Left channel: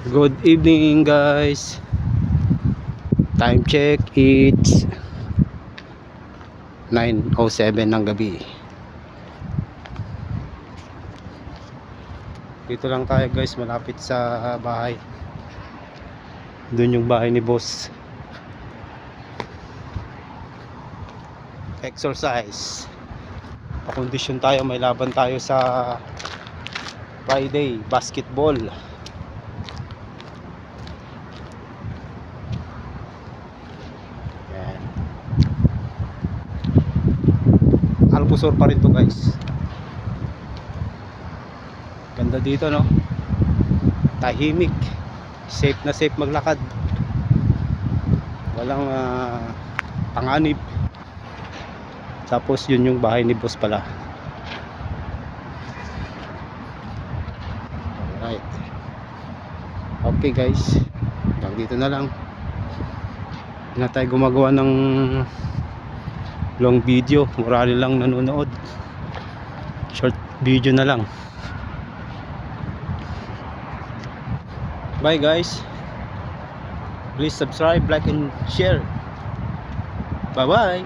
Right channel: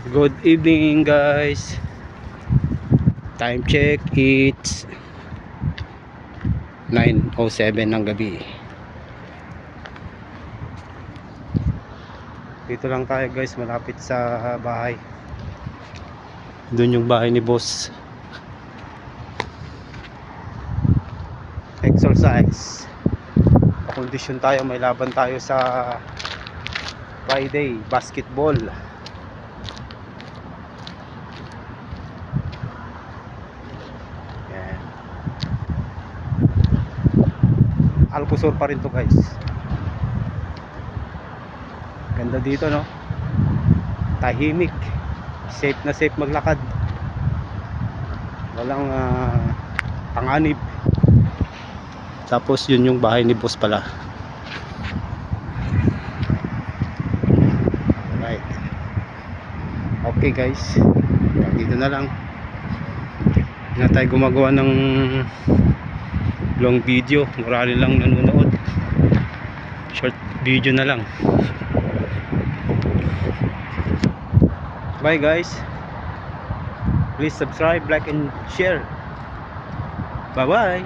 Good evening guys. Time check, it's 9:07 ng gabi. Dito lang tayo guys, malapit sa bahay. Doon yung bahay ni boss. Exercise. Pakondisyon tayo, may laban tayo sa Friday, basketball. Yan. Alcosur pa rin to guys. Ganda dito no. Tahimik. Safe na safe maglakad. Walang panganib. Tapos yun yung bahay ni boss pala. Alright. Okay guys. Hanggang dito na lang. Hindi na tayo gumagawa ng long video. Marami lang nanonood. Short video na lang. Bye guys. Please subscribe, like and share. Bye bye.